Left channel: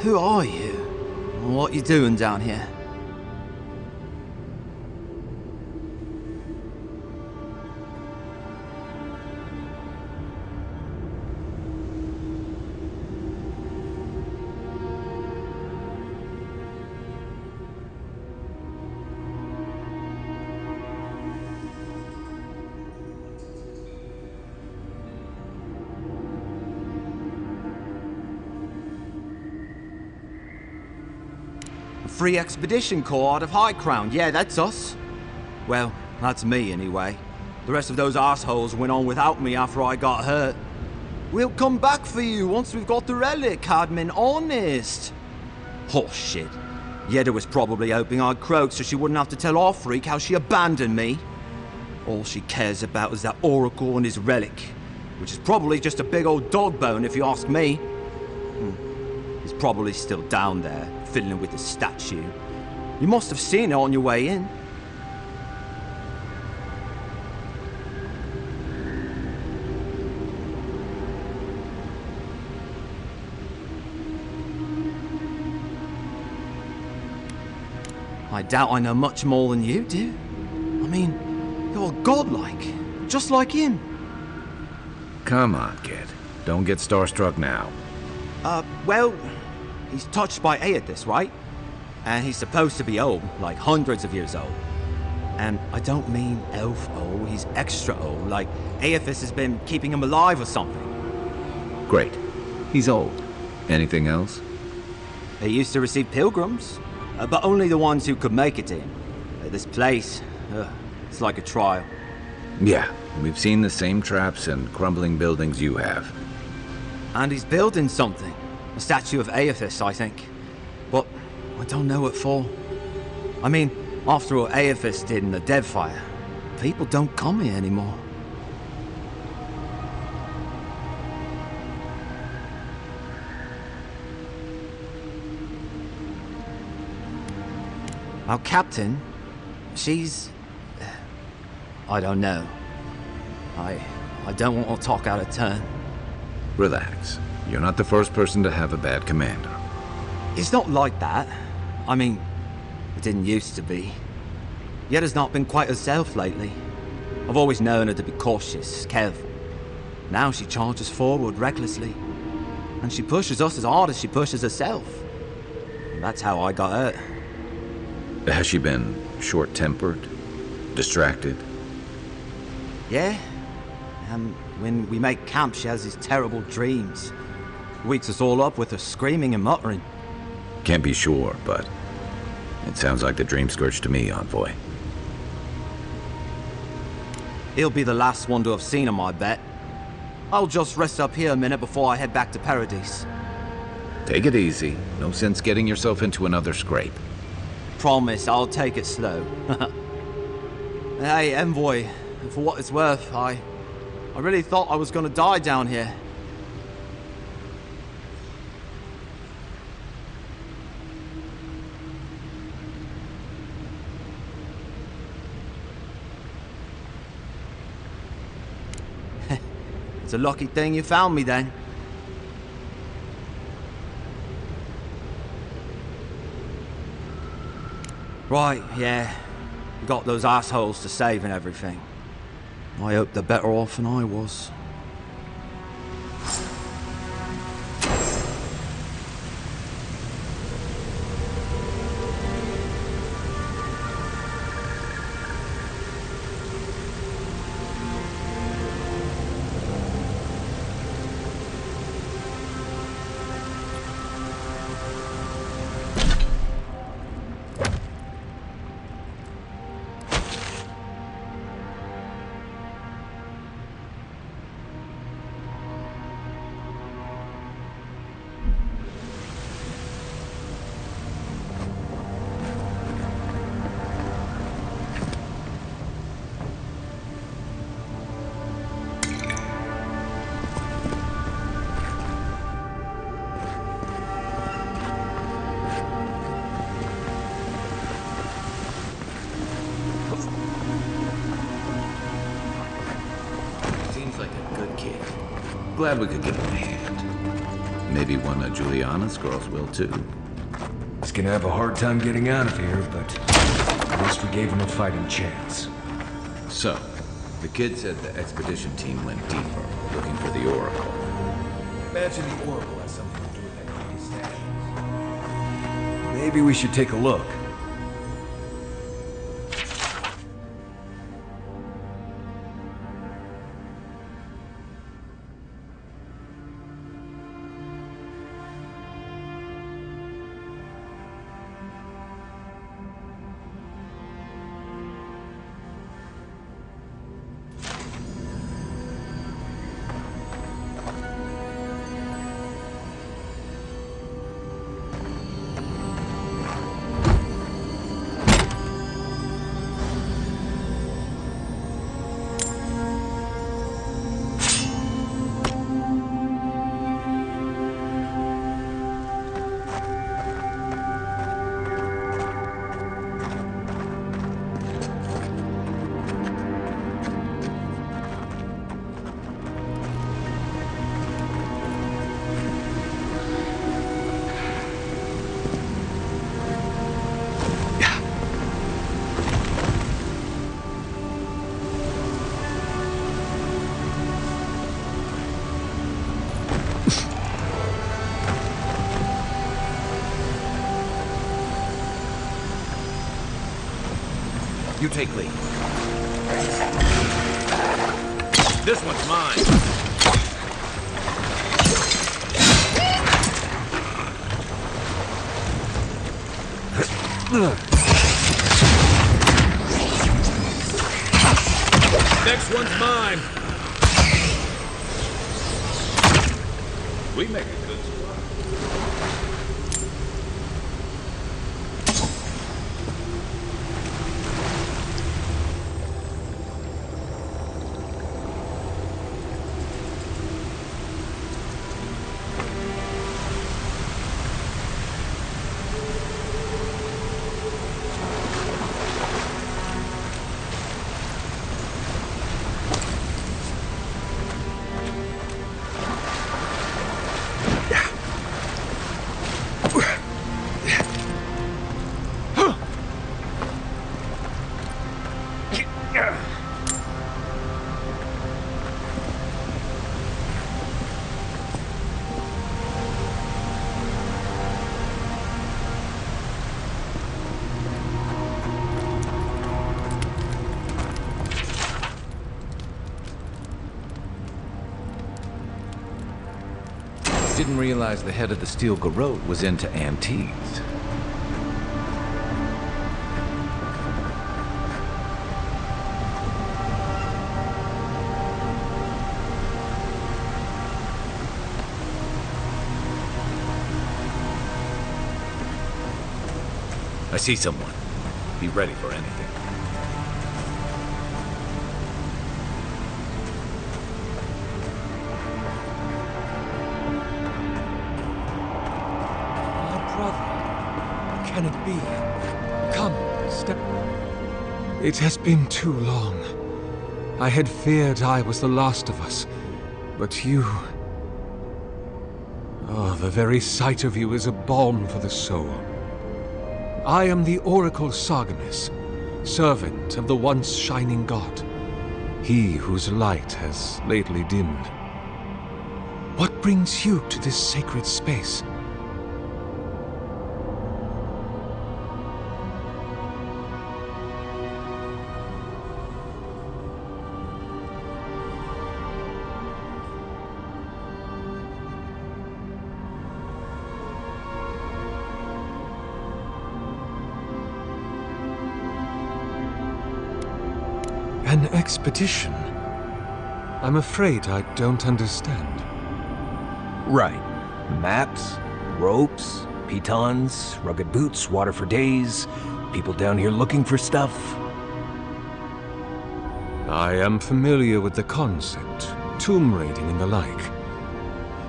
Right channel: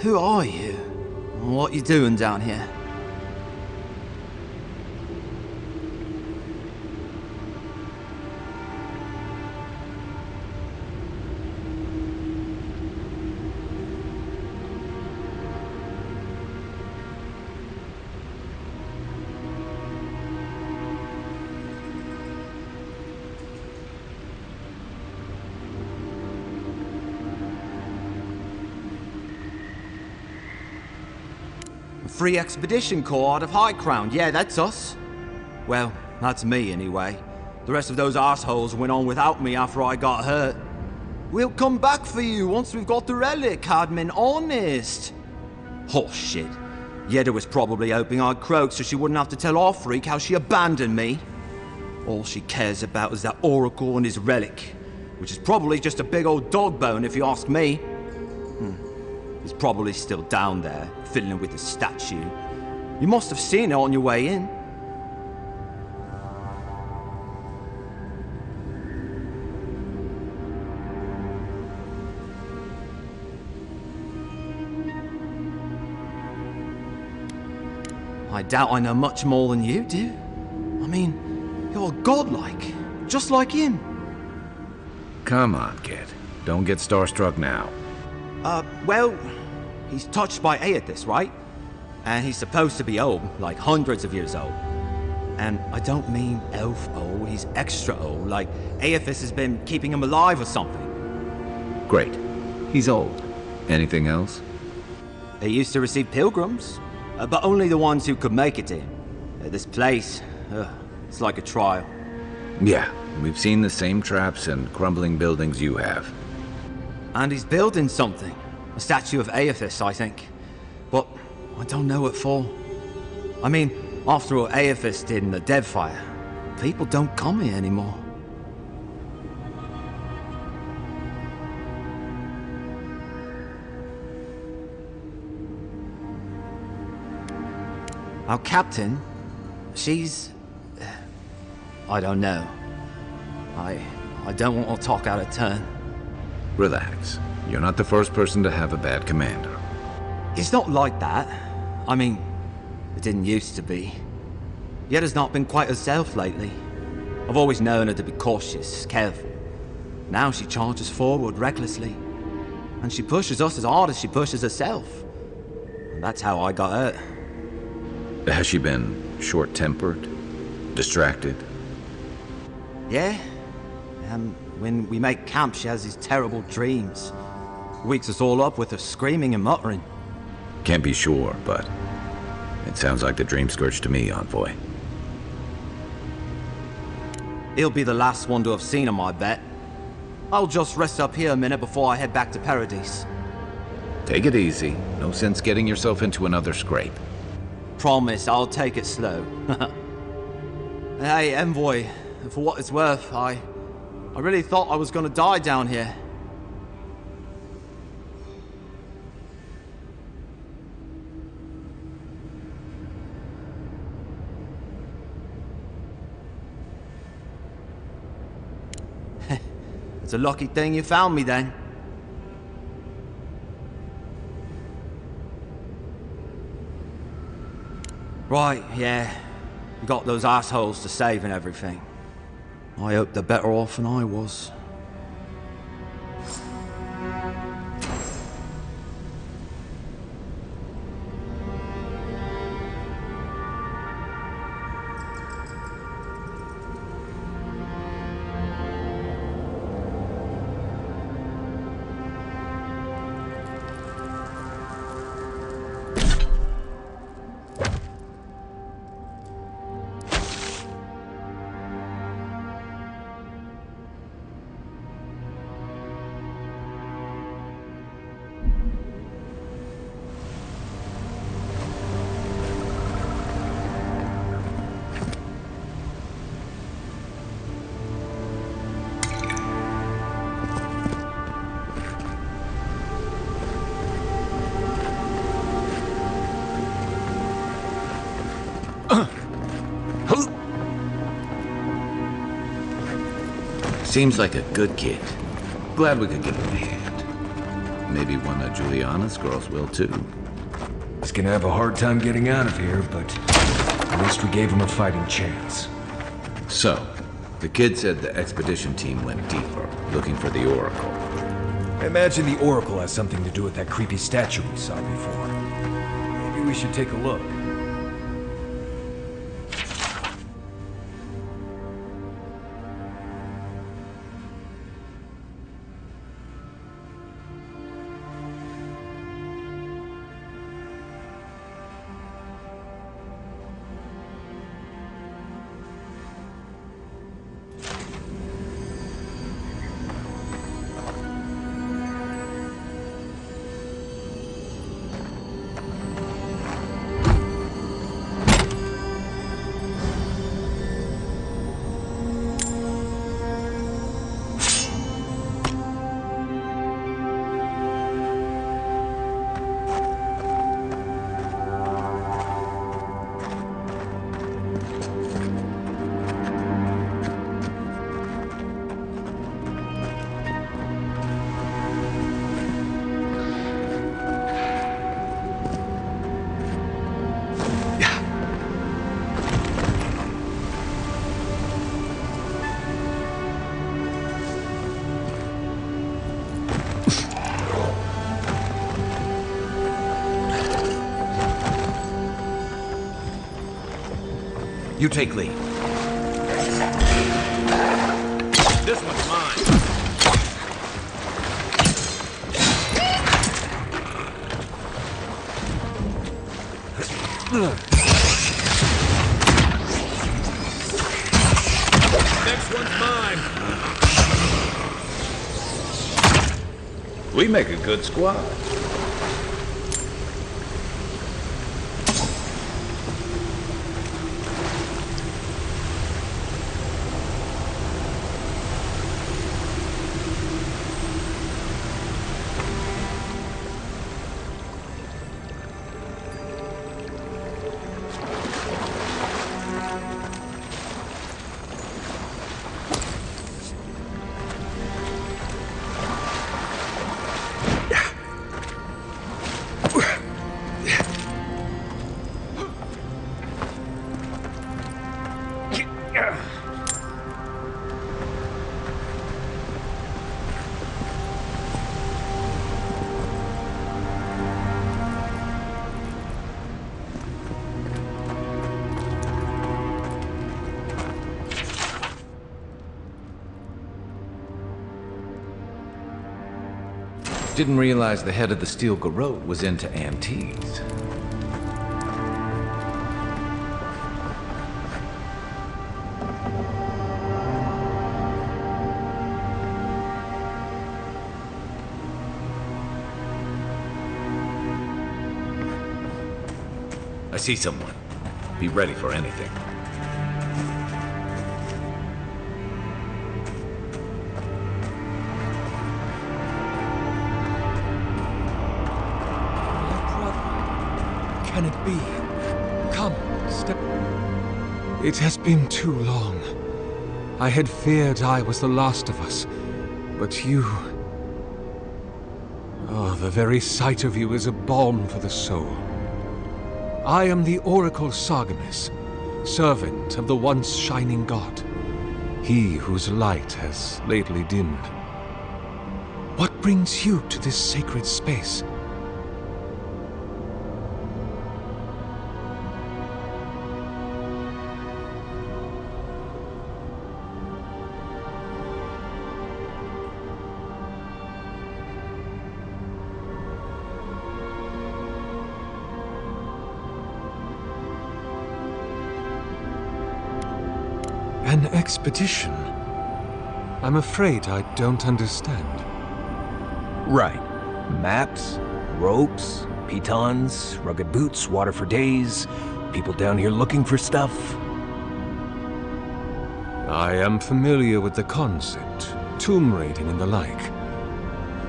Who are you? What you doing down here? Free Expedition Corps out of High Crown. Yeah, that's us. Well, that's me anyway. The rest of those assholes went on without me after I got hurt. We'll come back for you once we've got the relic, Admin, honest. Oh shit. Yeda was probably hoping I'd croak so she wouldn't have to tell our freak how she abandoned me. All she cares about is that Oracle and his relic, which is probably just a big old dog bone if you ask me. He's probably still down there, fiddling with the statue. You must have seen it on your way in. I doubt I know much more than you do. I mean, you're godlike, just like him. Come on, kid. Don't get starstruck now. Well, he's touched by Aethys, right? And he's supposed to be old, like hundreds of years old. And I don't mean elf old, he's extra old, like Aethys has been keeping him alive or something. Great. He's old. Anything else? He used to receive pilgrims, but only the ones who could make it to him. This place, it's like a trial. Yeah, we've seen the same traps and crumbling buildings you have. And he's building something. A statue of Aethys, I think. But I don't know what for. I mean, after all Aethys did in the Deadfire, people don't come here anymore. Our captain, she's... I don't know. I don't want to talk out of turn. Relax. You're not the first person to have a bad commander. It's not like that. I mean, it didn't used to be. Yeda's not been quite herself lately. I've always known her to be cautious, careful. Now she charges forward recklessly. And she pushes us as hard as she pushes herself. And that's how I got hurt. Has she been short-tempered? Distracted? Yeah. When we make camp, she has these terrible dreams. Wakes us all up with her screaming and muttering. Can't be sure, but it sounds like the dream scourge to me, Envoy. He'll be the last one to have seen him, I bet. I'll just rest up here a minute before I head back to Paradise. Take it easy. No sense getting yourself into another scrape. Promise, I'll take it slow. Hey, Envoy, for what it's worth, I really thought I was gonna die down here. It's a lucky thing you found me then. Right, yeah. You got those assholes to save and everything. I hope they're better off than I was. Seems like a good kid. Glad we could give him a hand. Maybe one of Juliana's girls will too. He's gonna have a hard time getting out of here, but at least we gave him a fighting chance. So, the kid said the expedition team went deeper, looking for the Oracle. I imagine the Oracle has something to do with that creepy statue we saw before. Maybe we should take a look. You take lead. This one's mine. Next one's mine. We make a good squad. Didn't realize the head of the Steel Garrote was into antiques. I see someone. Be ready for anything. Can it be? Come, step. It has been too long. I had feared I was the last of us, but you... Oh, the very sight of you is a balm for the soul. I am the Oracle Sargemis, servant of the once shining god, he whose light has lately dimmed. What brings you to this sacred space? An expedition? I'm afraid I don't understand. Right. Maps, ropes, pitons, rugged boots, water for days, people down here looking for stuff. I am familiar with the concept, tomb raiding and the like.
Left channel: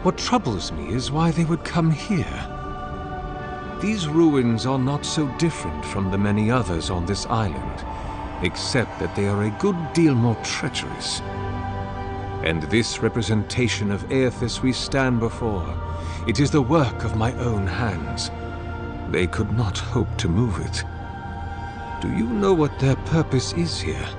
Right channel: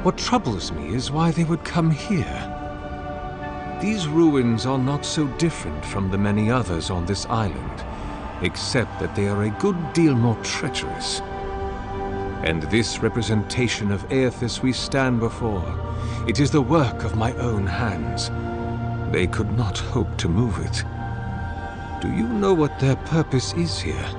What troubles me is why they would come here. These ruins are not so different from the many others on this island, except that they are a good deal more treacherous. And this representation of Aethys we stand before, it is the work of my own hands. They could not hope to move it. Do you know what their purpose is here?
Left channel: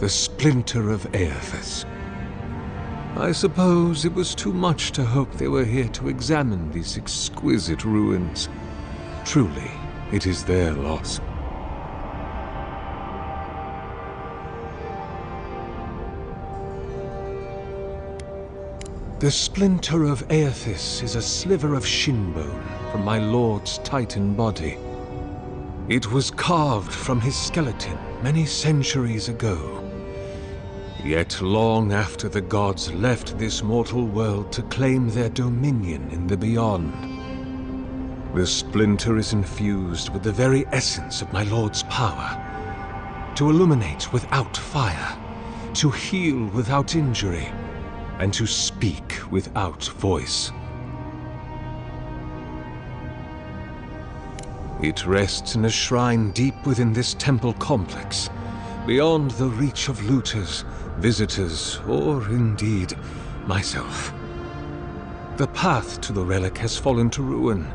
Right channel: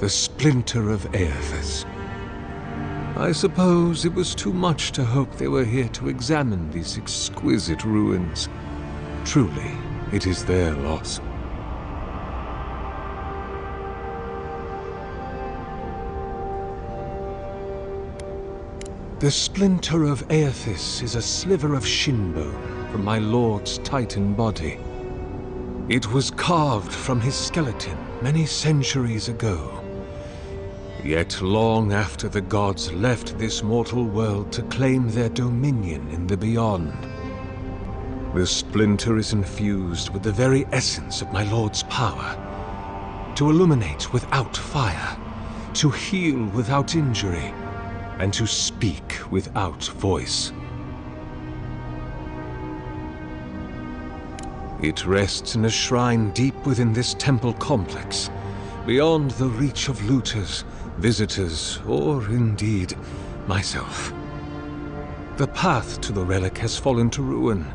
The splinter of Aethys. I suppose it was too much to hope they were here to examine these exquisite ruins. Truly, it is their loss. The splinter of Aethys is a sliver of shinbone from my lord's Titan body. It was carved from his skeleton many centuries ago. Yet long after the gods left this mortal world to claim their dominion in the beyond, the splinter is infused with the very essence of my lord's power. To illuminate without fire, to heal without injury, and to speak without voice. It rests in a shrine deep within this temple complex, beyond the reach of looters, visitors, or indeed, myself. The path to the relic has fallen to ruin.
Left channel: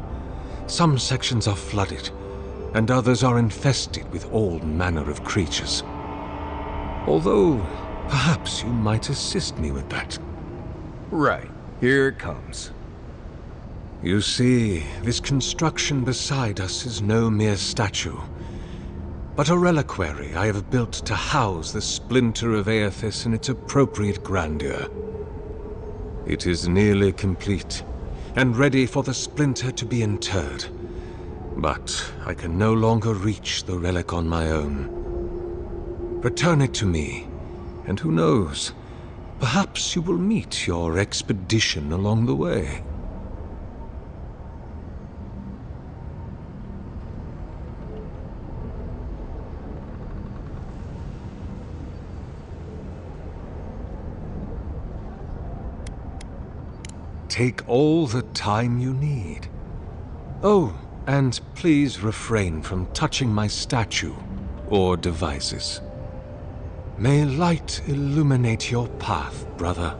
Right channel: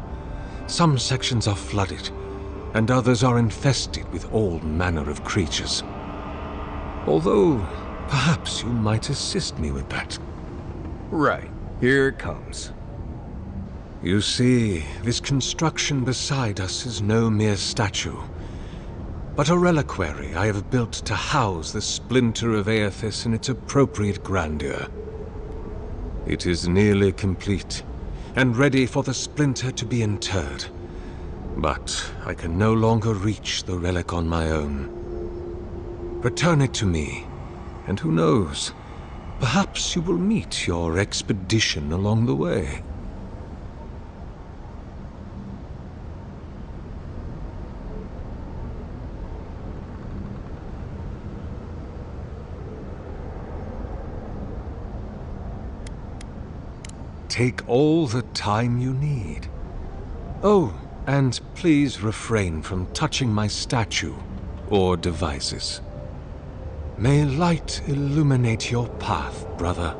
Some sections are flooded, and others are infested with all manner of creatures. Although, perhaps you might assist me with that. Right. Here it comes. You see, this construction beside us is no mere statue, but a reliquary I have built to house the splinter of Aethys in its appropriate grandeur. It is nearly complete, and ready for the splinter to be interred. But I can no longer reach the relic on my own. Return it to me, and who knows, perhaps you will meet your expedition along the way. Take all the time you need. Oh, and please refrain from touching my statue or devices. May light illuminate your path, brother.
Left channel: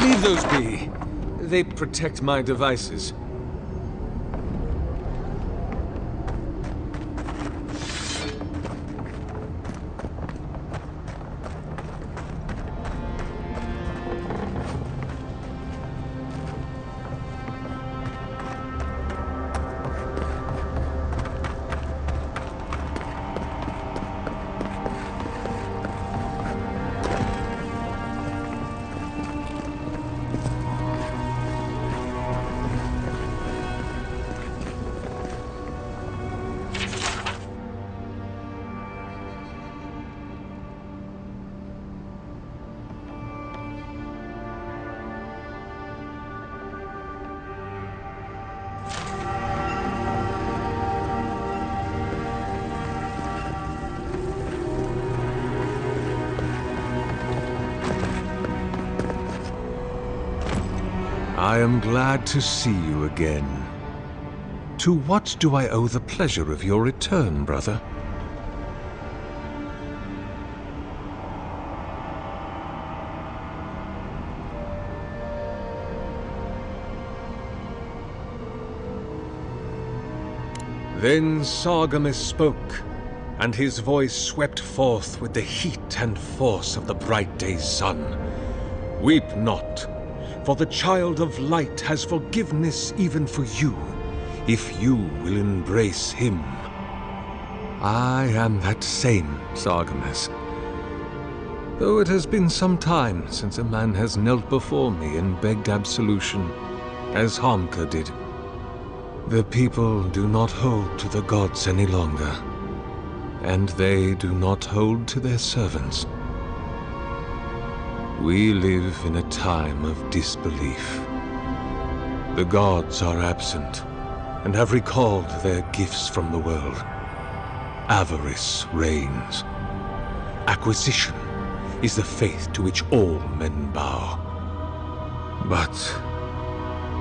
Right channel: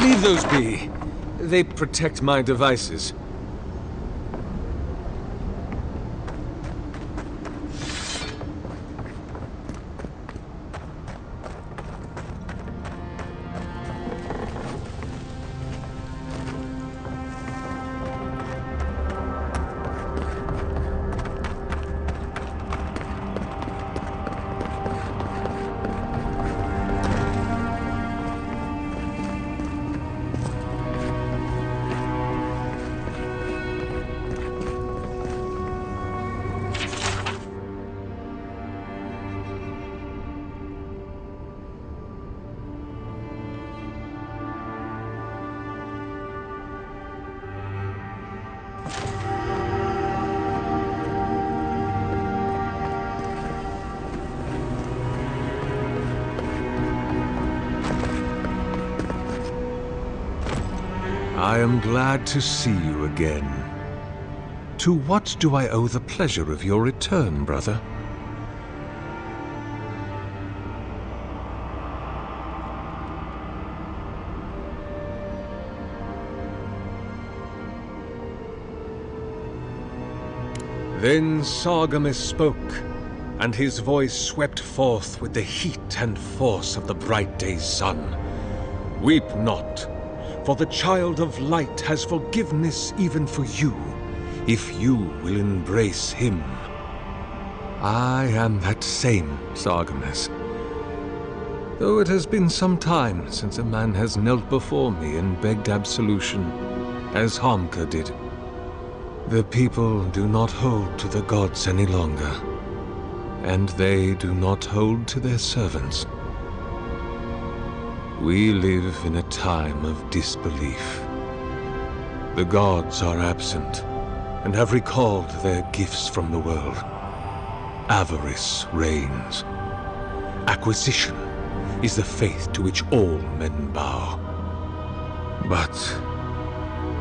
Leave those be. They protect my devices. I am glad to see you again. To what do I owe the pleasure of your return, brother? Then Sargamus spoke, and his voice swept forth with the heat and force of the bright day's sun. Weep not, for the Child of Light has forgiveness even for you, if you will embrace him. I am that same Sargamus, though it has been some time since a man has knelt before me and begged absolution, as Harmka did. The people do not hold to the gods any longer, and they do not hold to their servants. We live in a time of disbelief. The gods are absent, and have recalled their gifts from the world. Avarice reigns. Acquisition is the faith to which all men bow. But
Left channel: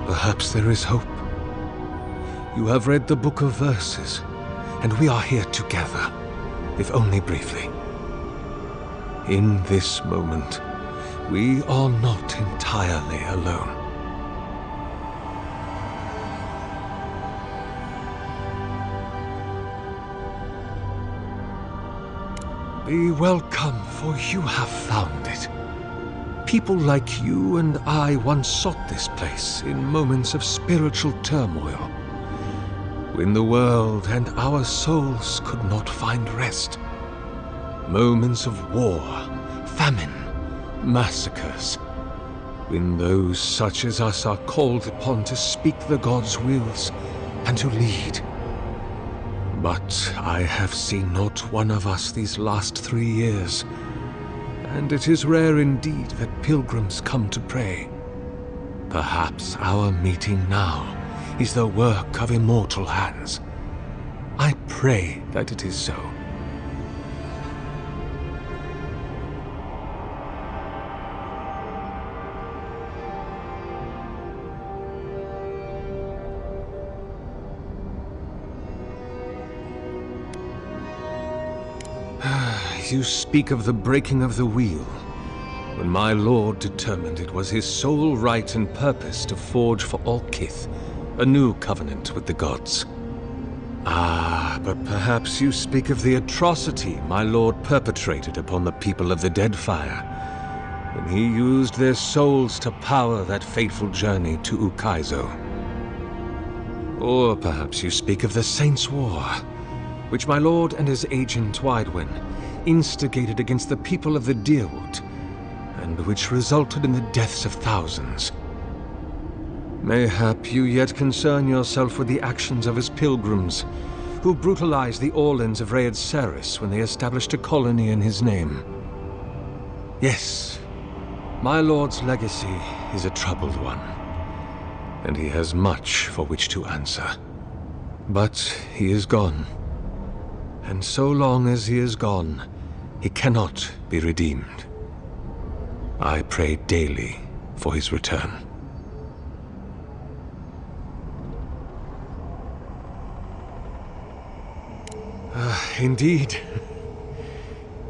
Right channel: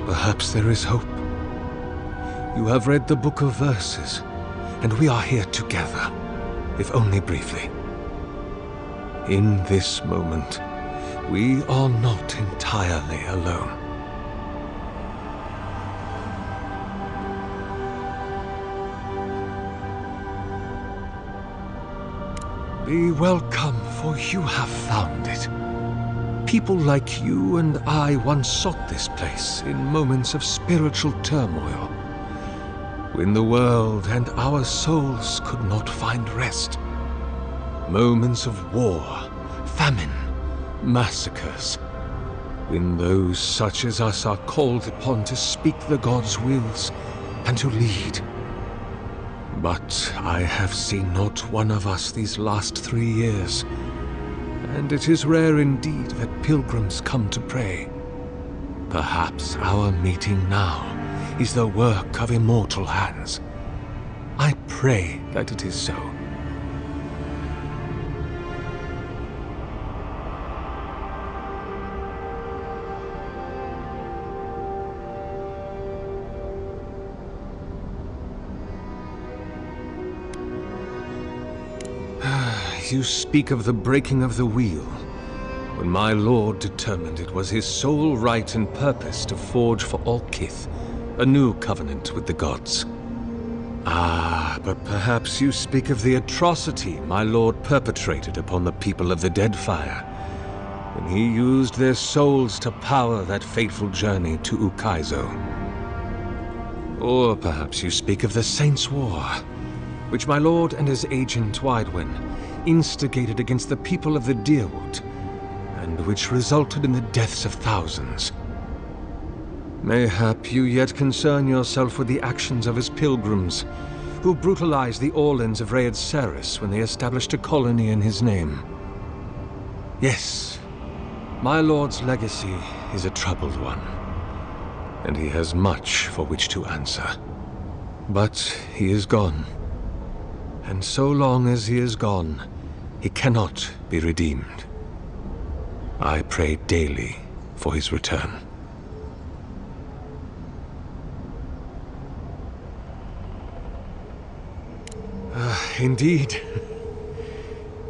perhaps there is hope. You have read the Book of Verses, and we are here together, if only briefly. In this moment, we are not entirely alone. Be welcome, for you have found it. People like you and I once sought this place in moments of spiritual turmoil. when the world and our souls could not find rest. Moments of war, famine, massacres, when those such as us are called upon to speak the gods' wills and to lead. But I have seen not one of us these last 3 years, and it is rare indeed that pilgrims come to pray. Perhaps our meeting now is the work of immortal hands. I pray that it is so. You speak of the breaking of the wheel, when my lord determined it was his sole right and purpose to forge for all kith a new covenant with the gods. Ah, but perhaps you speak of the atrocity my lord perpetrated upon the people of the Deadfire, when he used their souls to power that fateful journey to Ukaizo. Or perhaps you speak of the Saints' War, which my lord and his agent Widewin instigated against the people of the Deerwood, and which resulted in the deaths of thousands. Mayhap you yet concern yourself with the actions of his pilgrims, who brutalized the Orlans of Rhaed Saris when they established a colony in his name. Yes, my lord's legacy is a troubled one, and he has much for which to answer. But he is gone, and so long as he is gone, he cannot be redeemed. I pray daily for his return. Indeed.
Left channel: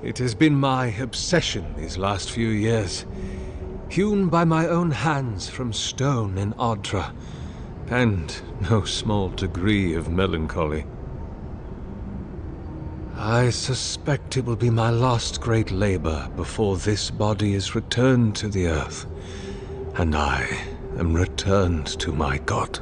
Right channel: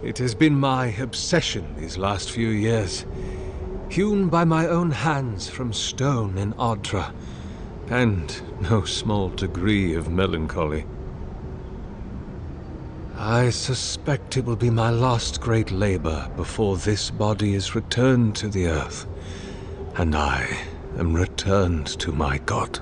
It has been my obsession these last few years, hewn by my own hands from stone in Ardra, and no small degree of melancholy. I suspect it will be my last great labor before this body is returned to the earth, and I am returned to my God.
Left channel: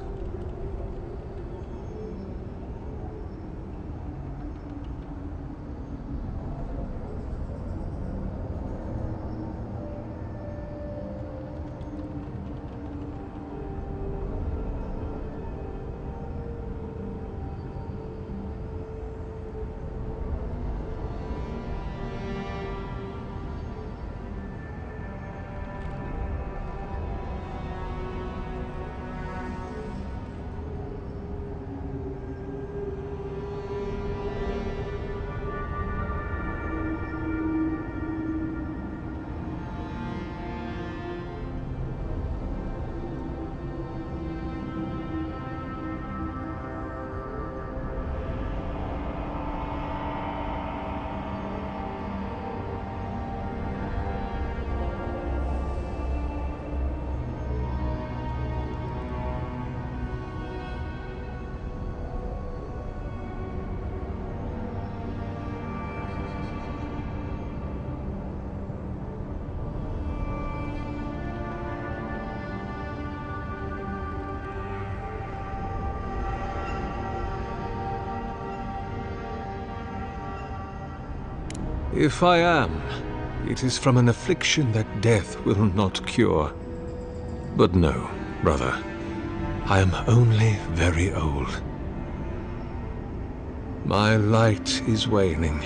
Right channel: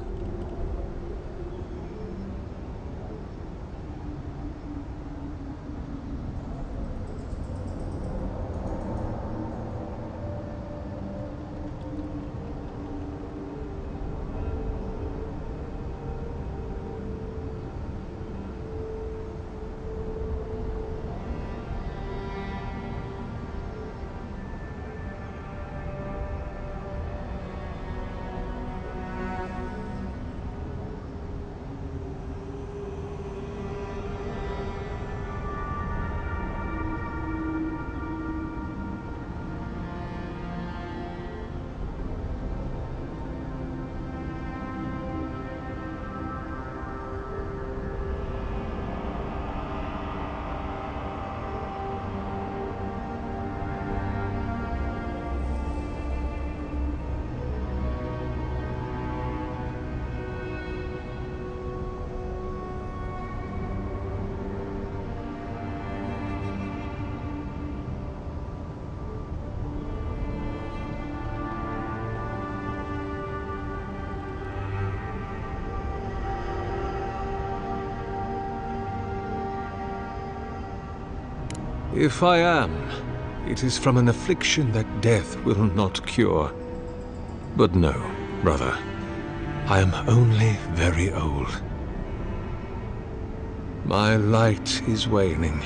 If I am, it is from an affliction that death will not cure. But no, brother, I am only very old. My light is waning.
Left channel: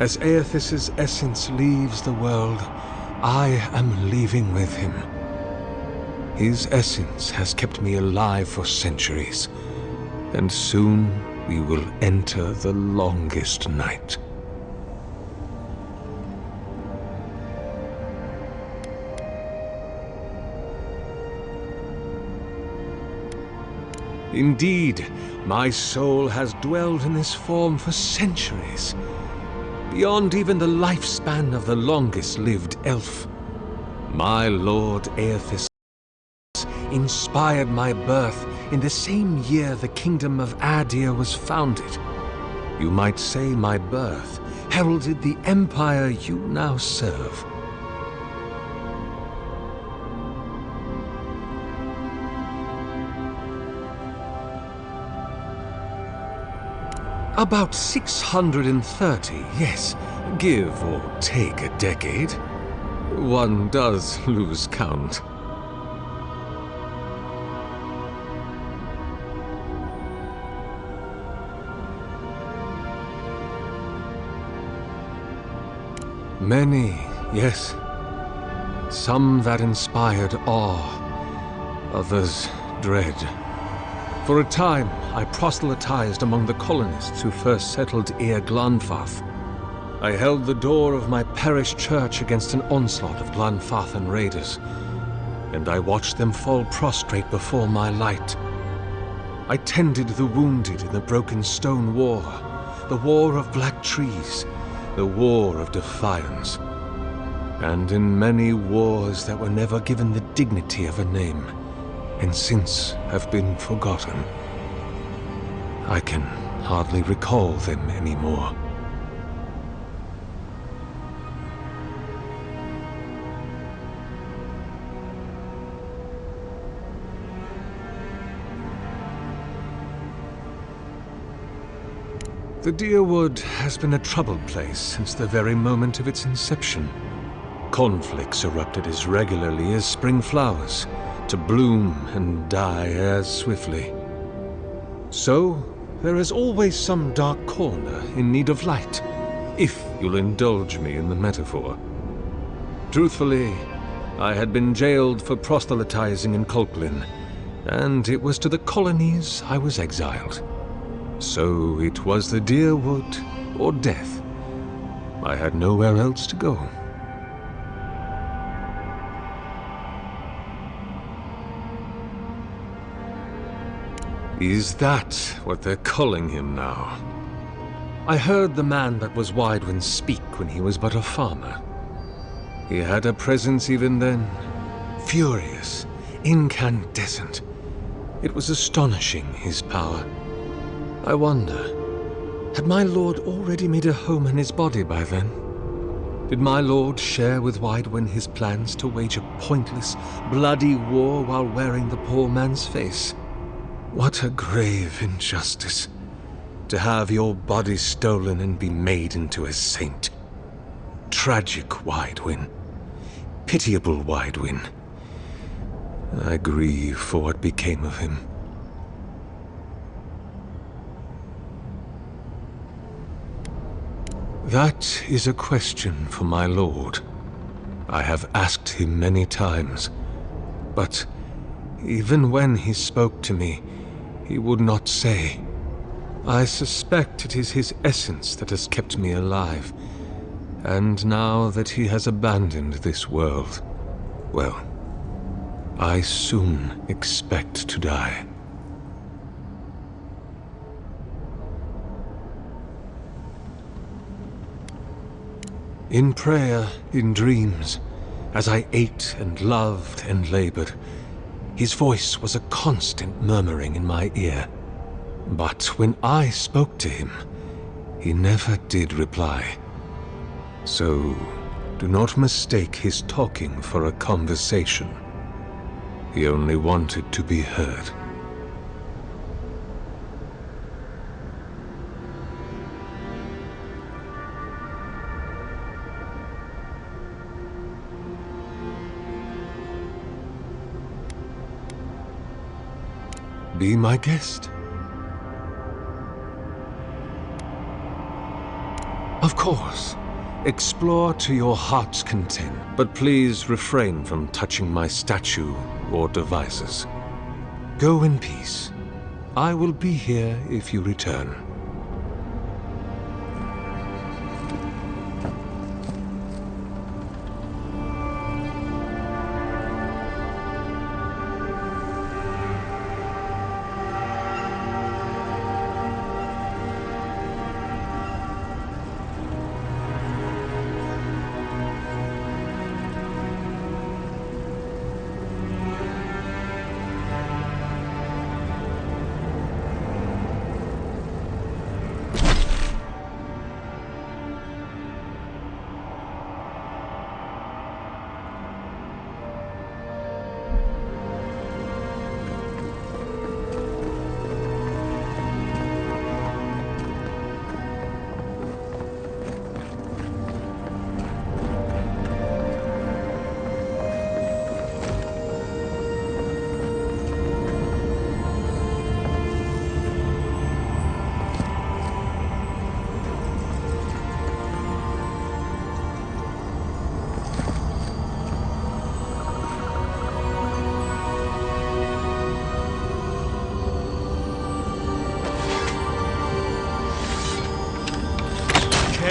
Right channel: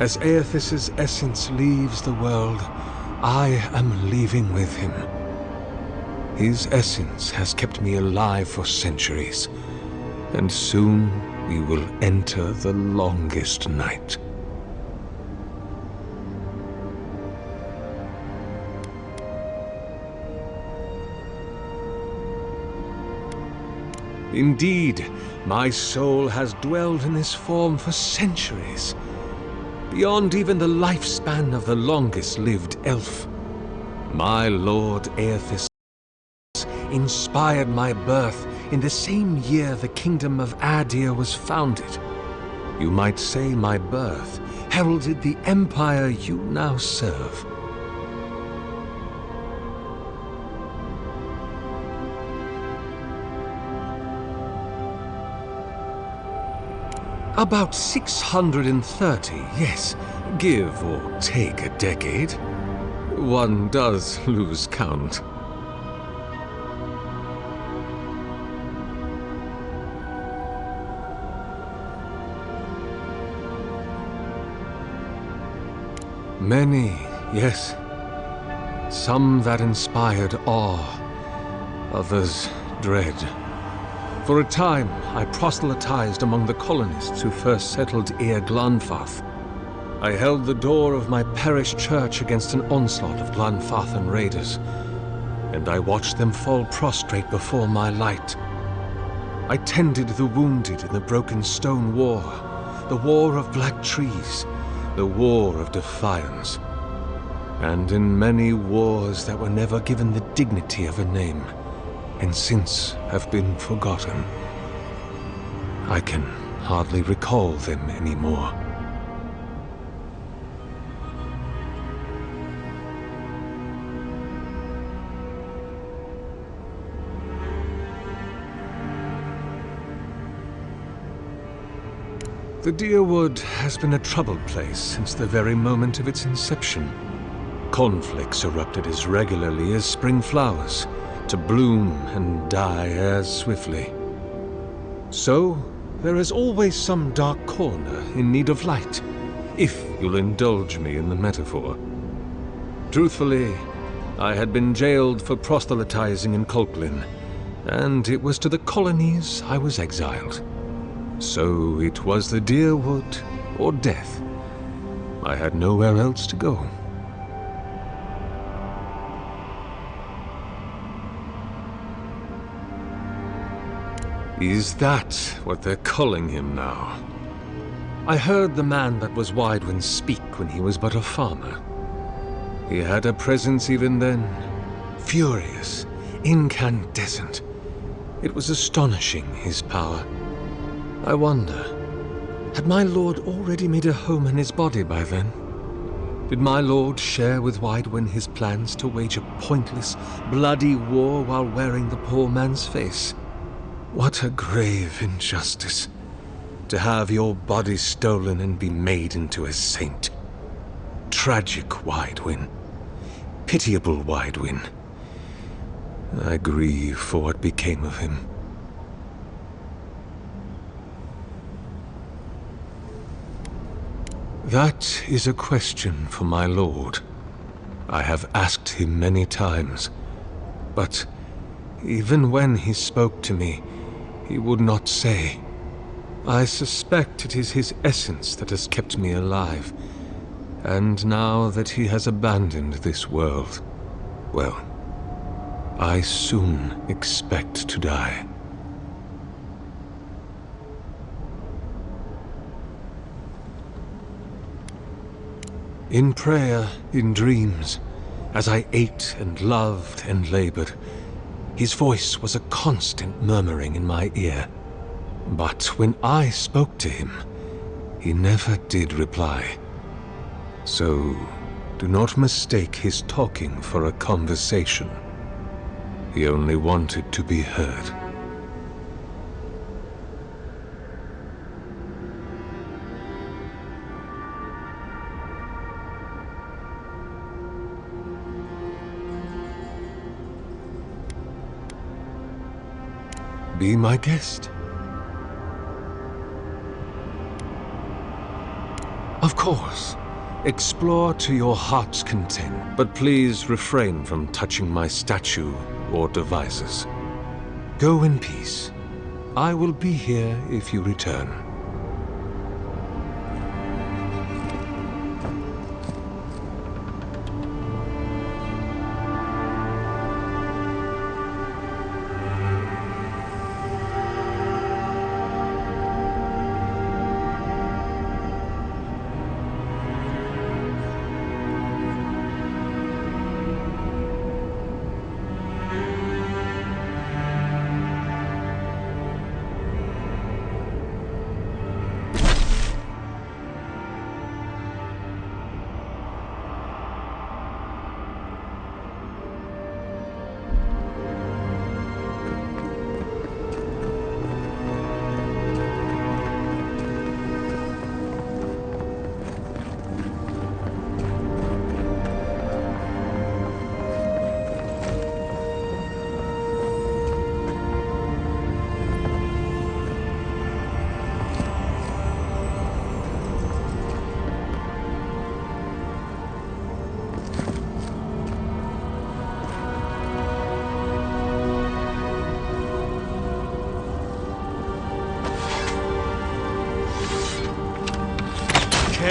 As Aethys' essence leaves the world, I am leaving with him. His essence has kept me alive for centuries, and soon we will enter the longest night. Indeed, my soul has dwelled in this form for centuries, beyond even the lifespan of the longest-lived elf. My lord Aethys inspired my birth in the same year the kingdom of Adir was founded. You might say my birth heralded the empire you now serve. About 630, yes. Give or take a decade. One does lose count. Many, yes. Some that inspired awe, others dread. For a time, I proselytized among the colonists who first settled Eir Glanfath. I held the door of my parish church against an onslaught of Glanfathan raiders, and I watched them fall prostrate before my light. I tended the wounded in the Broken Stone War, the War of Black Trees, the War of Defiance, and in many wars that were never given the dignity of a name, and since have been forgotten. I can hardly recall them anymore. The Deerwood has been a troubled place since the very moment of its inception. Conflicts erupted as regularly as spring flowers, to bloom and die as swiftly. So, there is always some dark corner in need of light, if you'll indulge me in the metaphor. Truthfully, I had been jailed for proselytizing in Colklin, and it was to the colonies I was exiled. So it was the Deerwood or death. I had nowhere else to go. Is that what they're calling him now? I heard the man that was Widewin speak when he was but a farmer. He had a presence even then, furious, incandescent. It was astonishing, his power. I wonder, had my lord already made a home in his body by then? Did my lord share with Widewin his plans to wage a pointless, bloody war while wearing the poor man's face? What a grave injustice, to have your body stolen and be made into a saint. Tragic Widewin. Pitiable Widewin. I grieve for what became of him. That is a question for my lord. I have asked him many times, but even when he spoke to me, he would not say. I suspect it is his essence that has kept me alive, and now that he has abandoned this world, well, I soon expect to die. In prayer, in dreams, as I ate and loved and labored, his voice was a constant murmuring in my ear. But when I spoke to him, he never did reply. So, do not mistake his talking for a conversation. He only wanted to be heard. Be my guest. Of course. Explore to your heart's content, but please refrain from touching my statue or devices. Go in peace. I will be here if you return.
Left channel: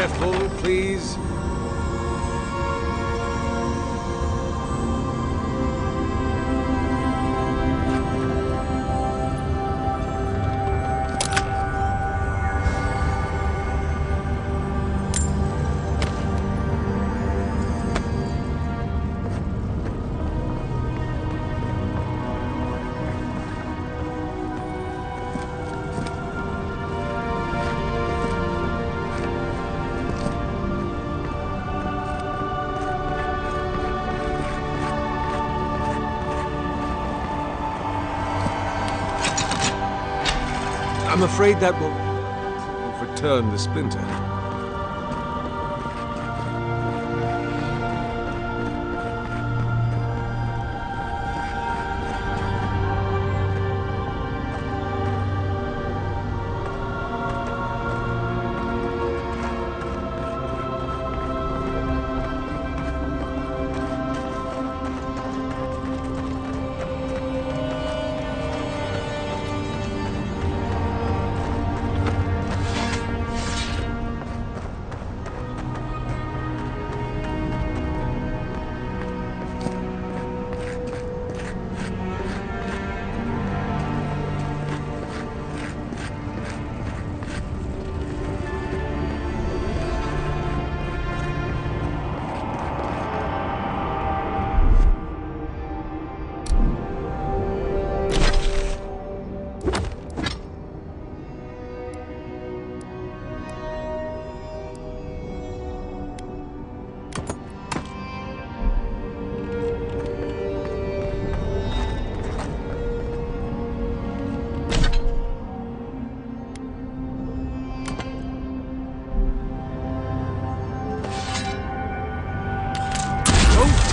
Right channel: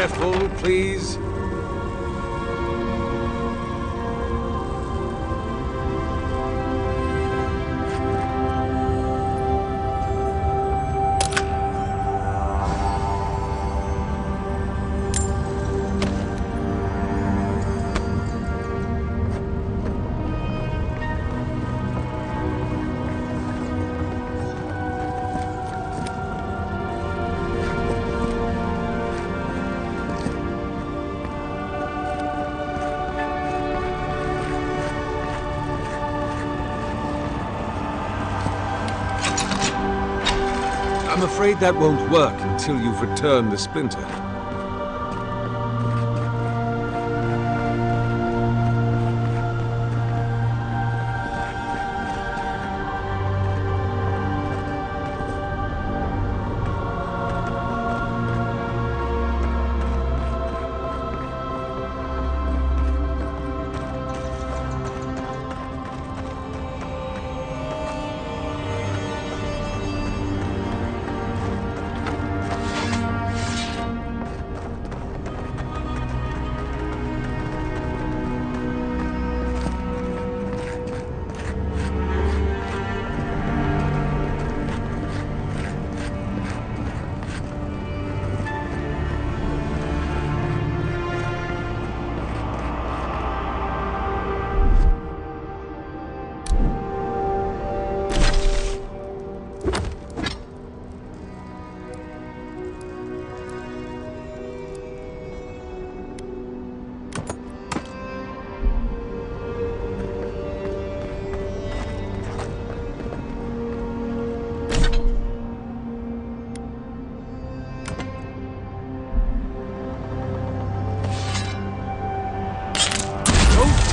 careful, please. I'm afraid that won't work until you've returned the splinter.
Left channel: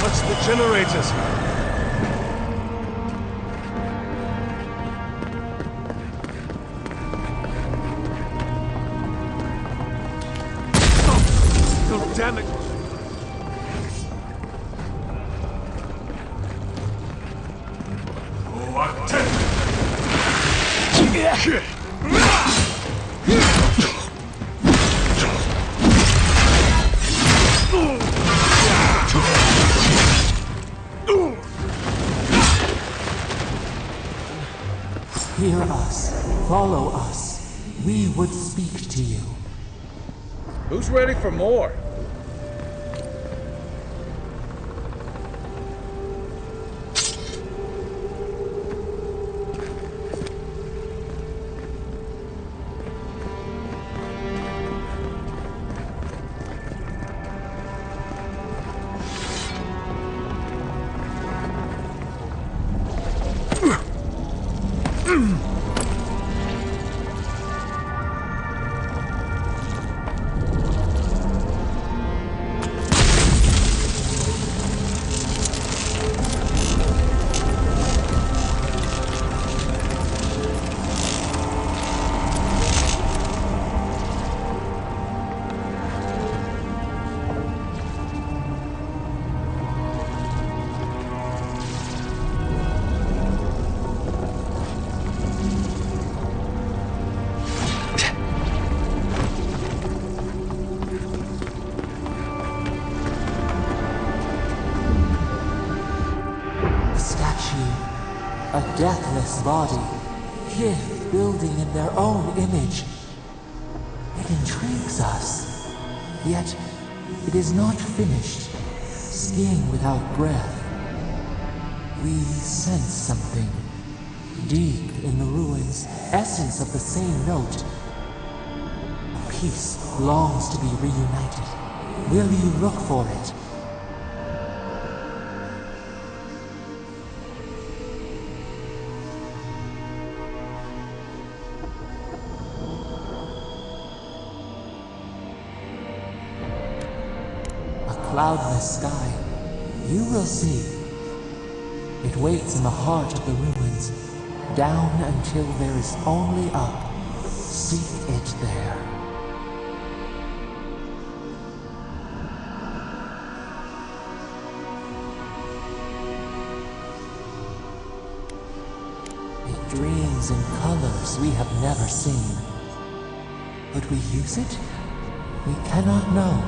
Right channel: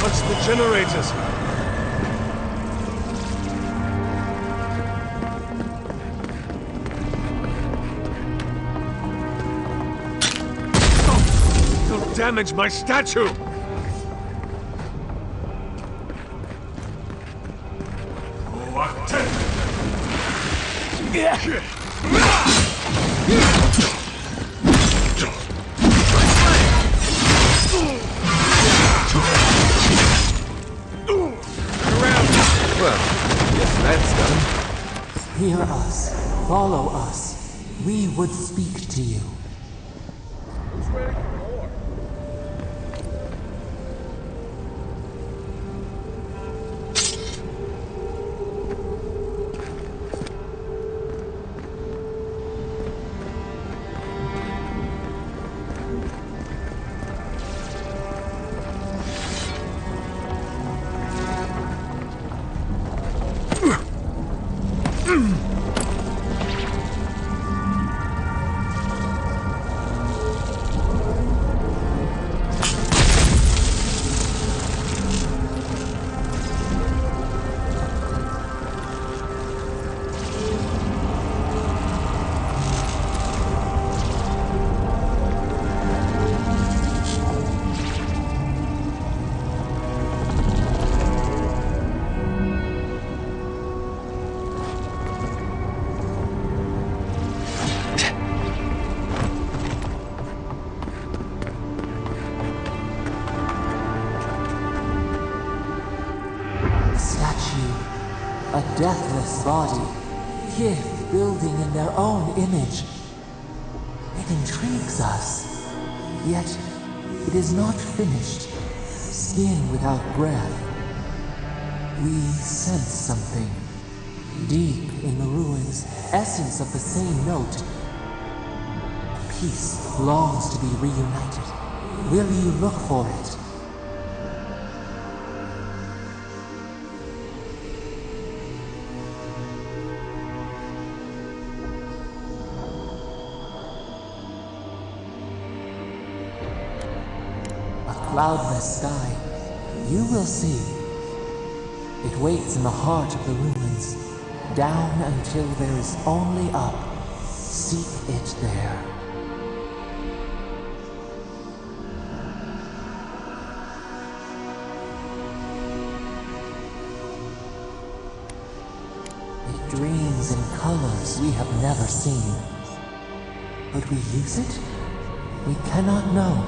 Touch the generators! Oh, don't damage my statue! Hear us. Follow us. We would speak to you. Who's ready for more? A deathless body, Kith building in their own image. It intrigues us, yet it is not finished. Skin without breath. We sense something deep in the ruins, essence of the same note. A piece longs to be reunited. Will you look for it? Cloudless sky, you will see. It waits in the heart of the ruins, down until there is only up. Seek it there. It dreams in colors we have never seen. But we use it? We cannot know.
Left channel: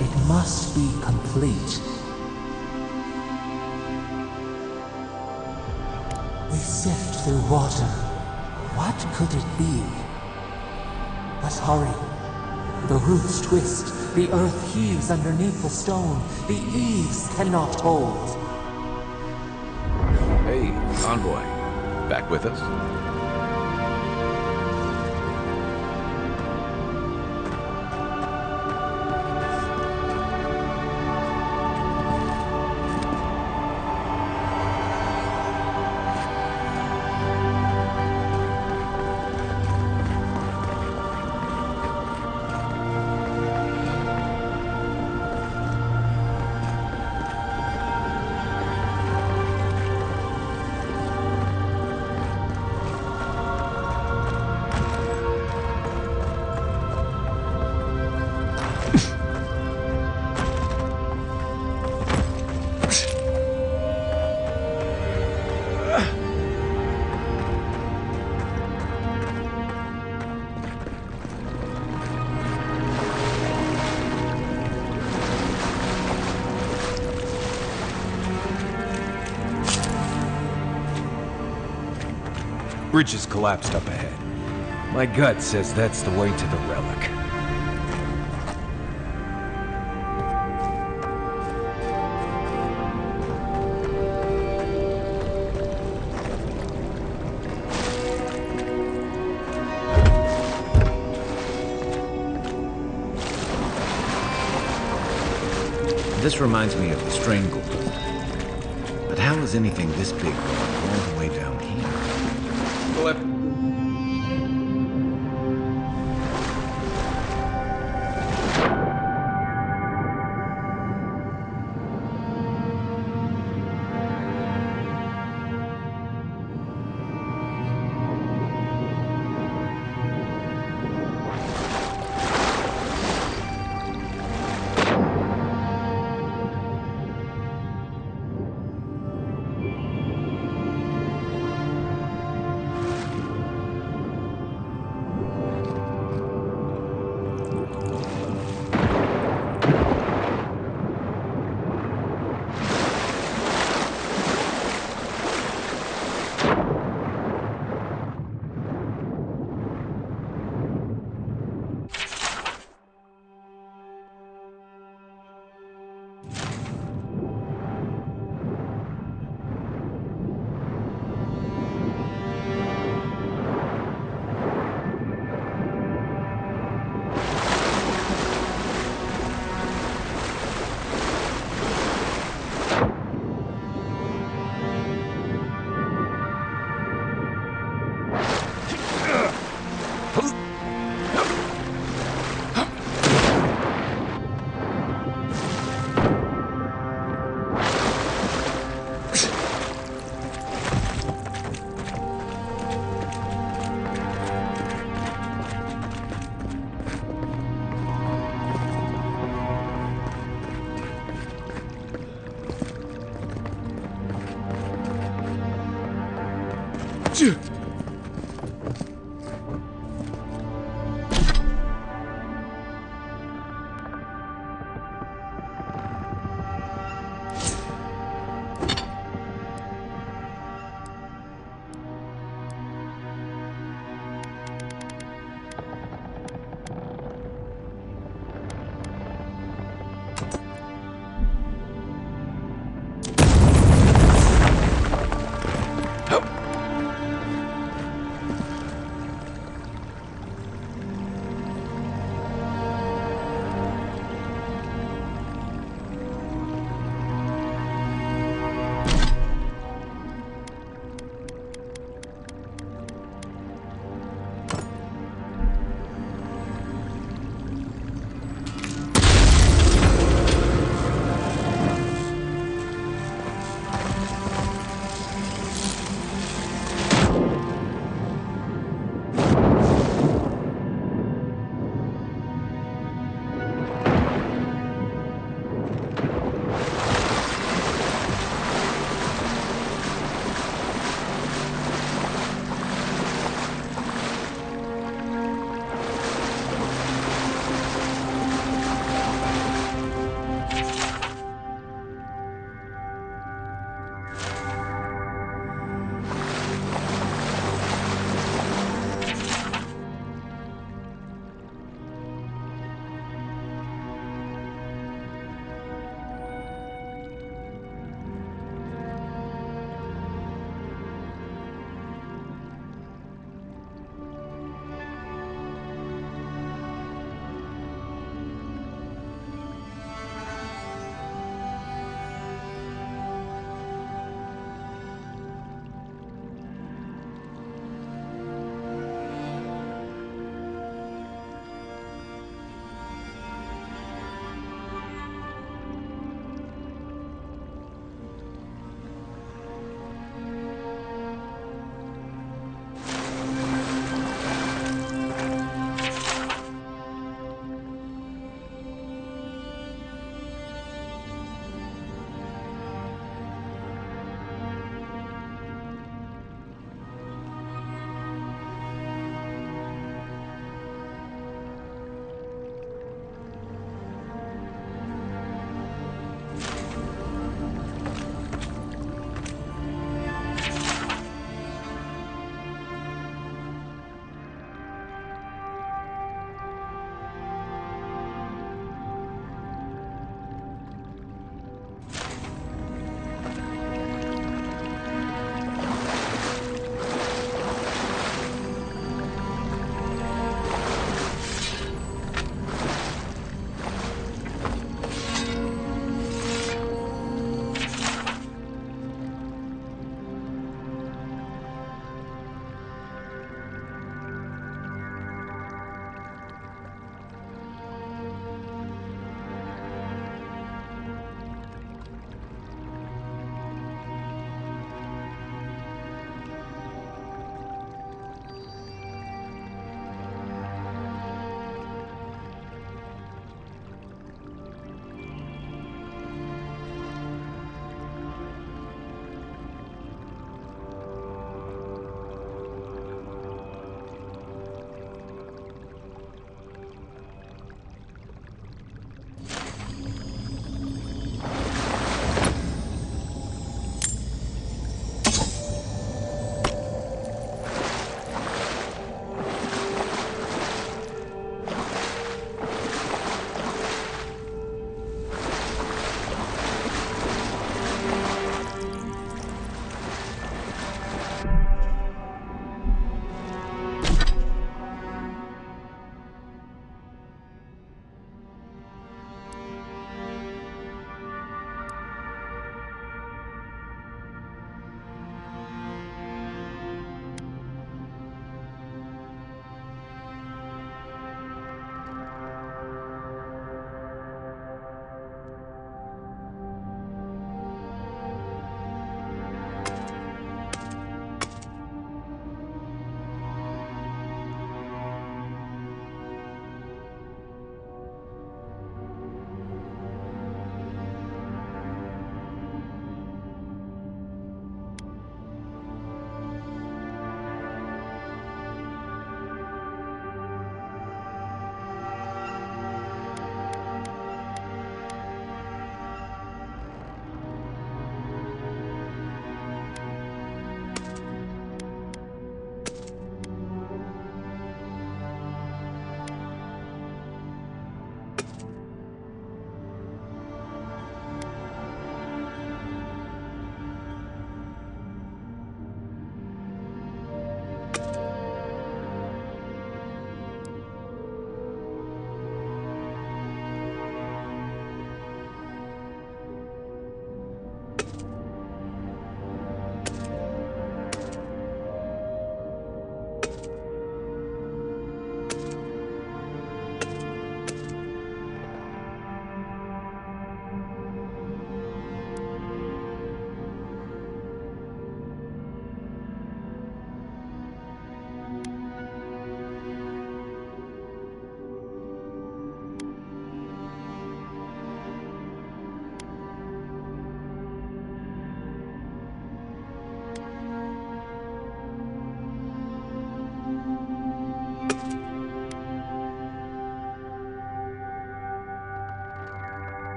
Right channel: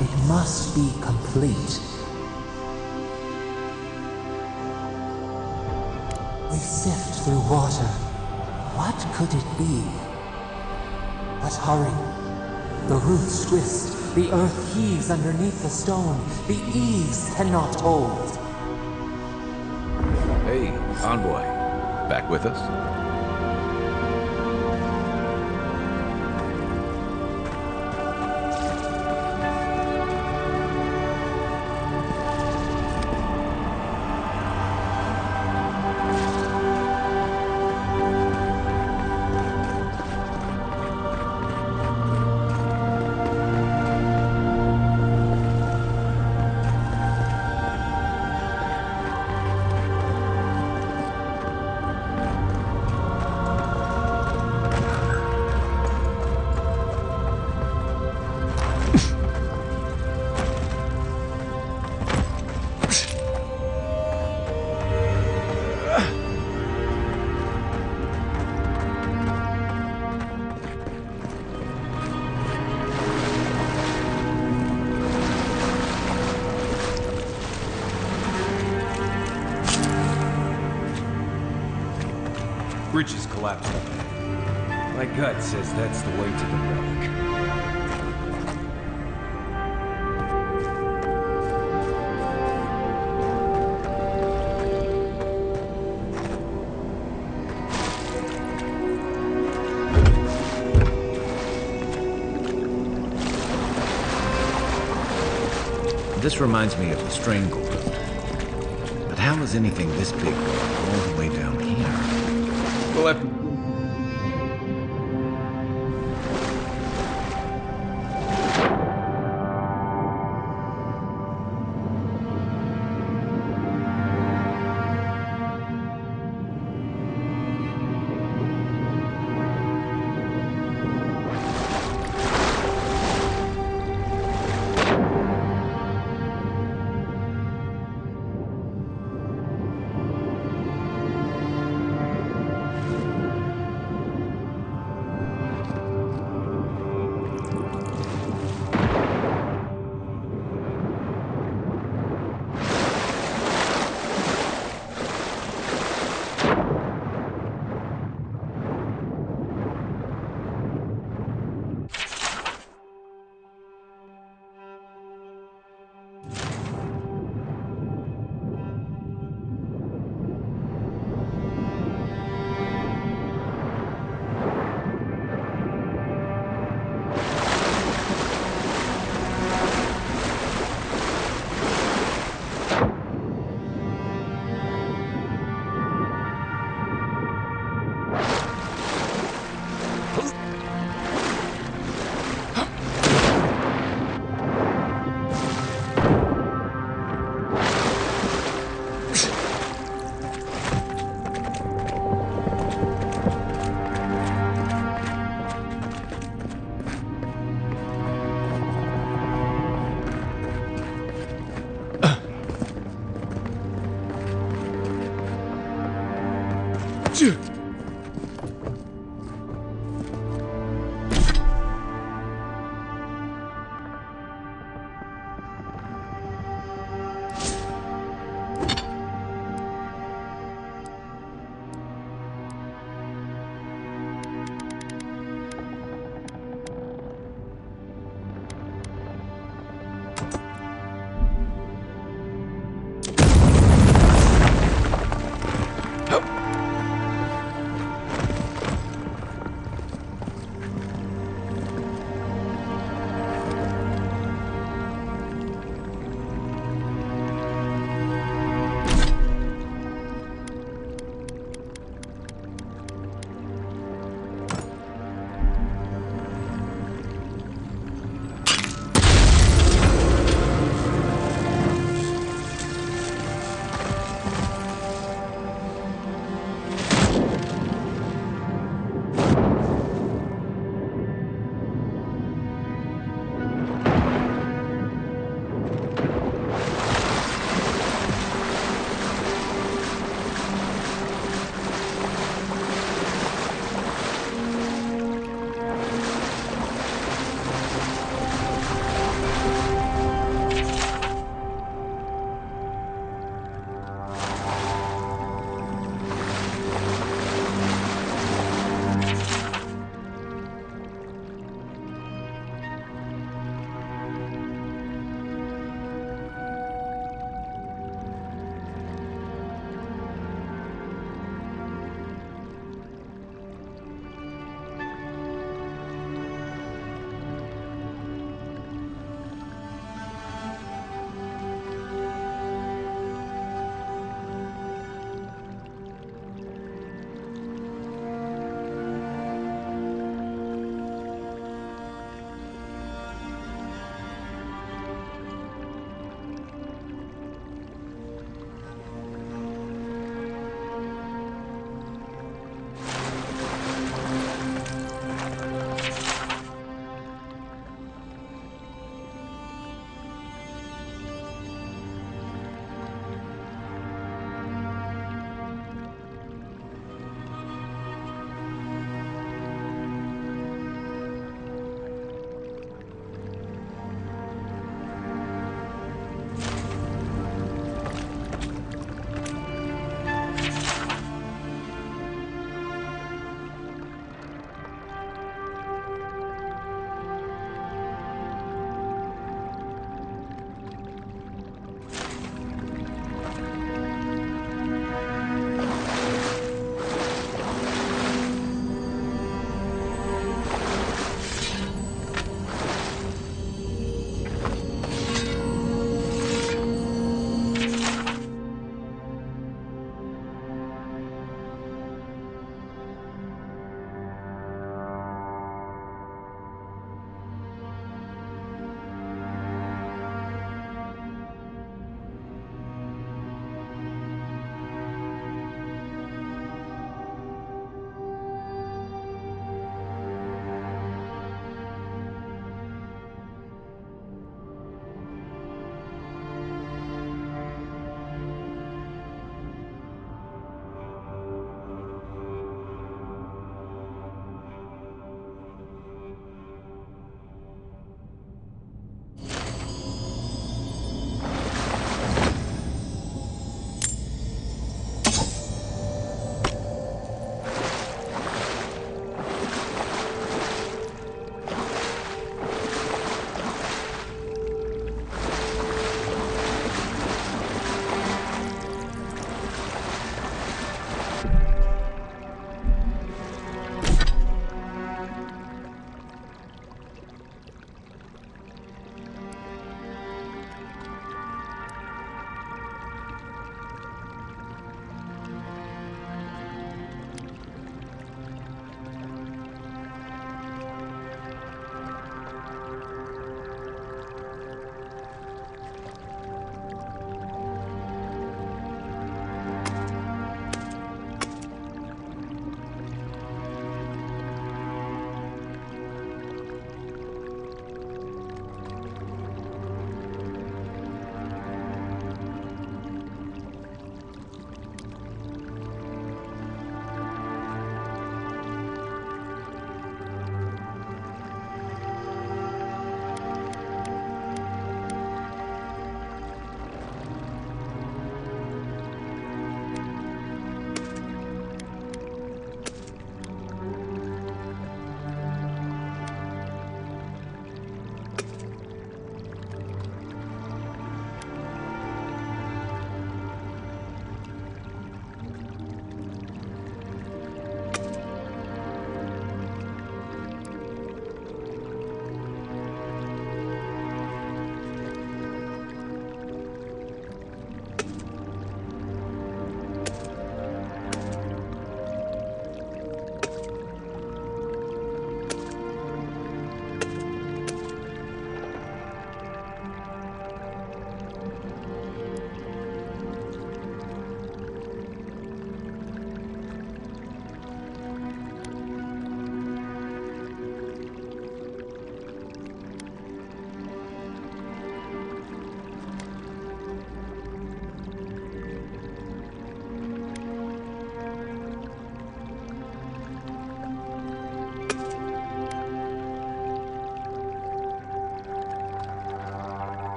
It must be complete. We sift through water. What could it be? But hurry. The roots twist. The earth heaves underneath the stone. The eaves cannot hold. Hey, Envoy. Back with us? Bridge is collapsed up ahead. My gut says that's the way to the relic. This reminds me of the Strangled. But how is anything this big going all the way down here? We'll have...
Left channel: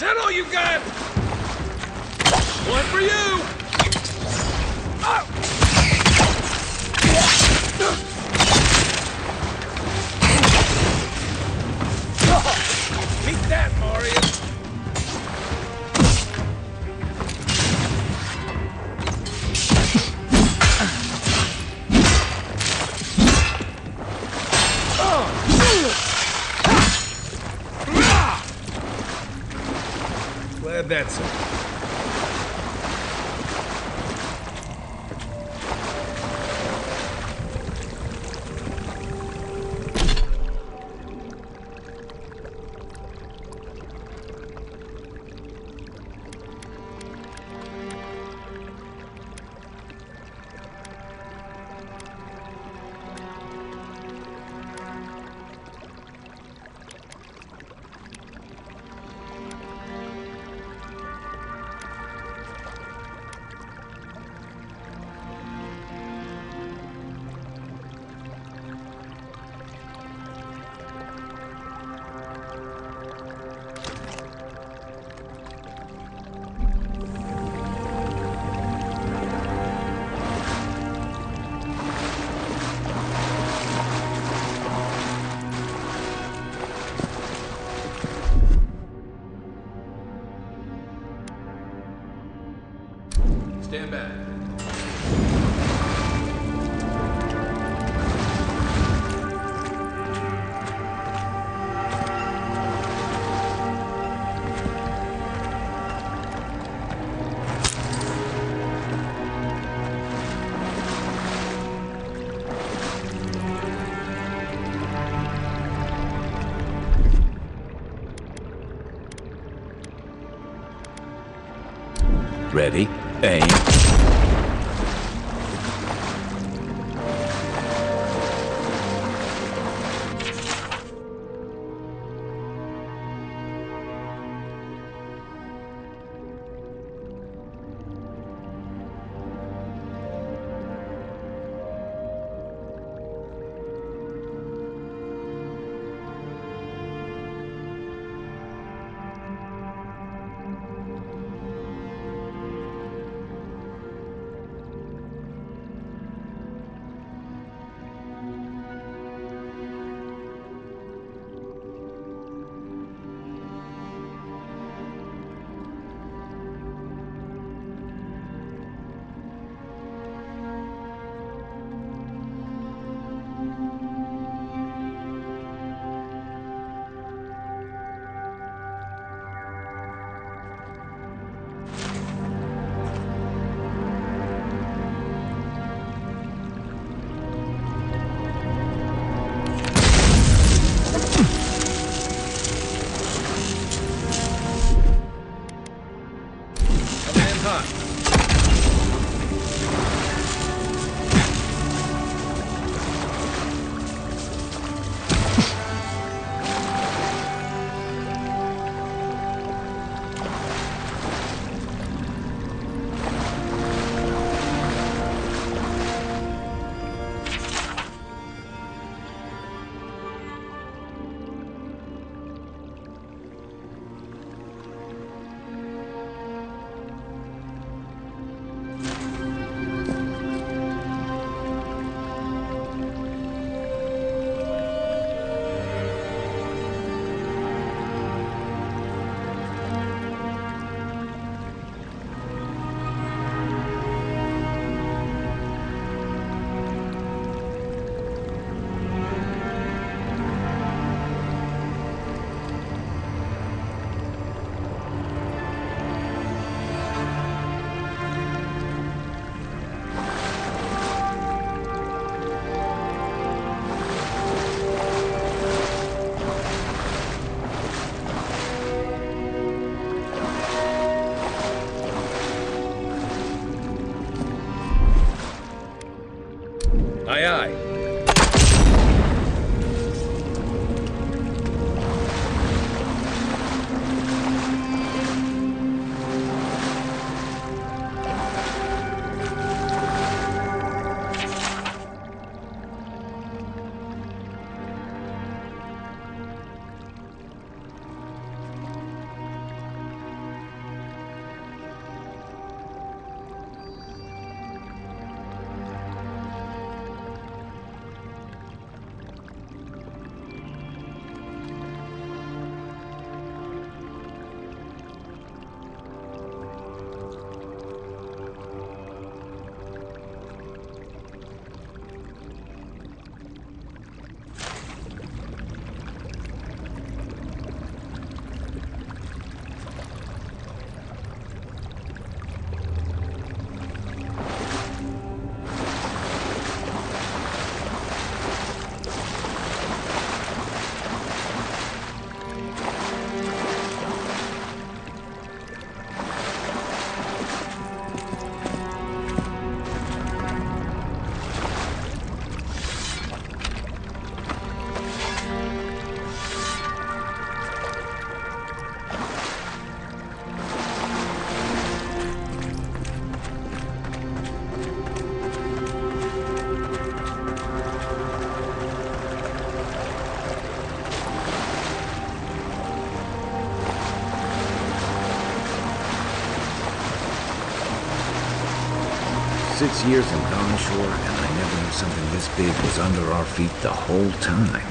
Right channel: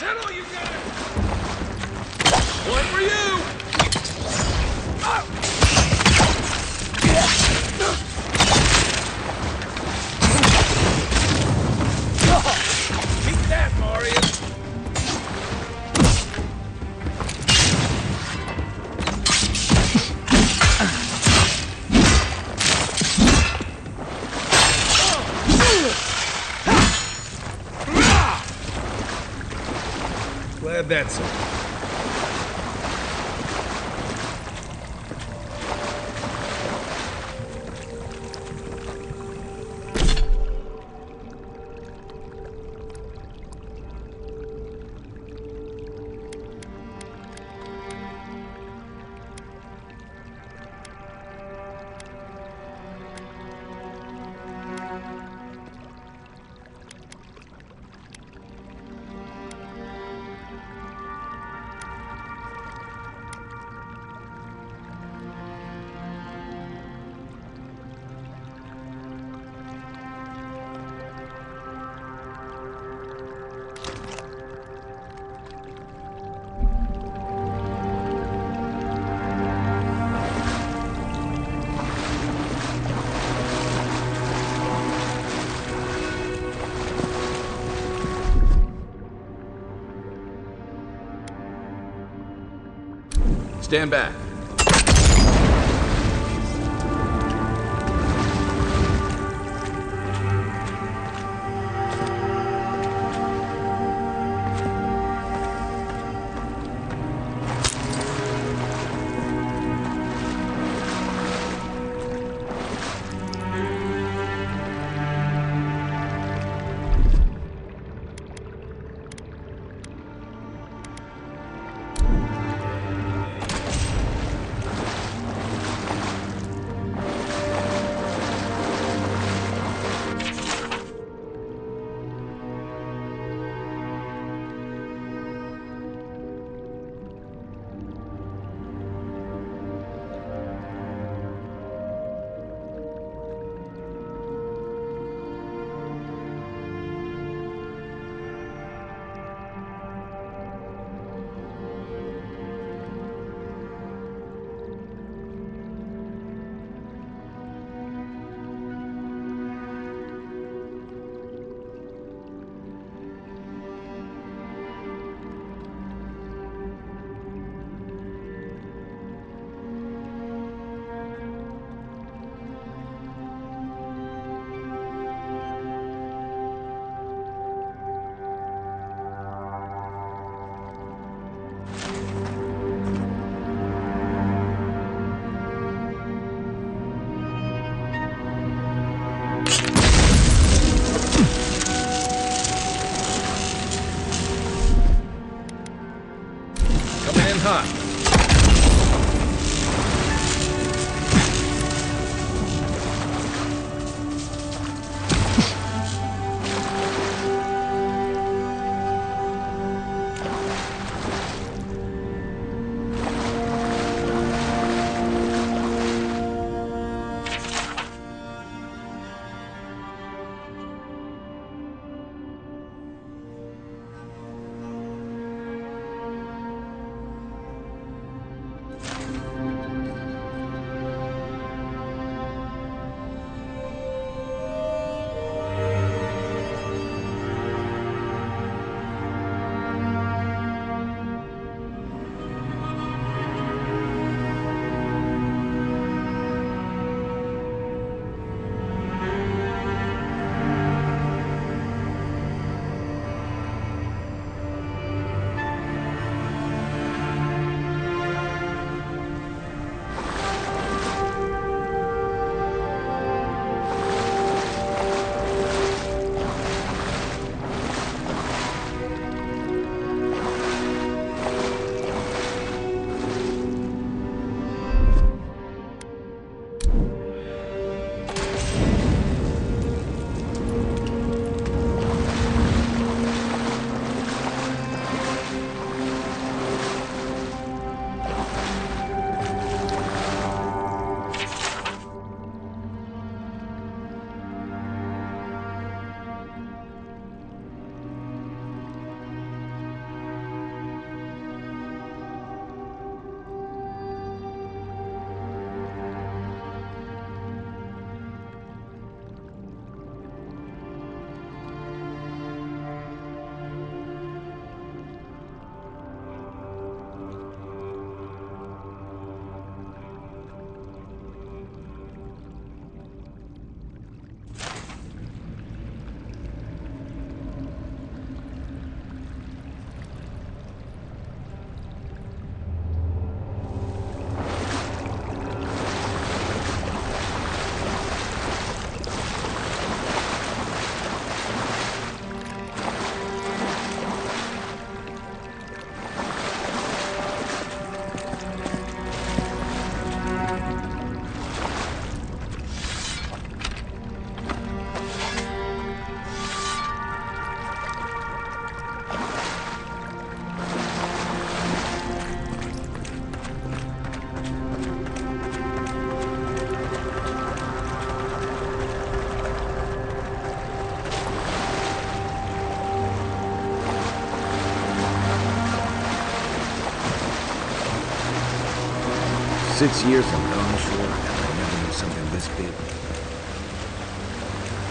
Is that all you got? One for you! Beat that, Mario! Glad that's it. Stand back. Ready? Aim. Aye, aye. "6 years in Dawnshore, and I never knew something this big was under our feet the whole time."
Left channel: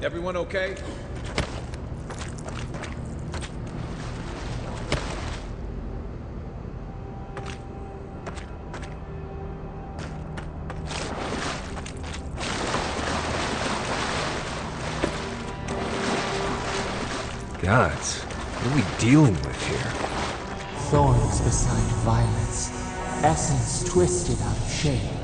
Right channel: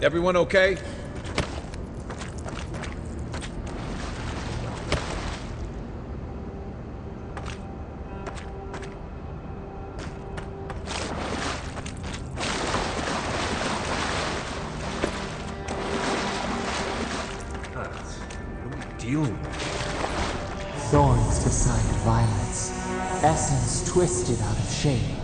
Everyone okay? Gods, what are we dealing with here? Thorns beside violets, essence twisted out of shape.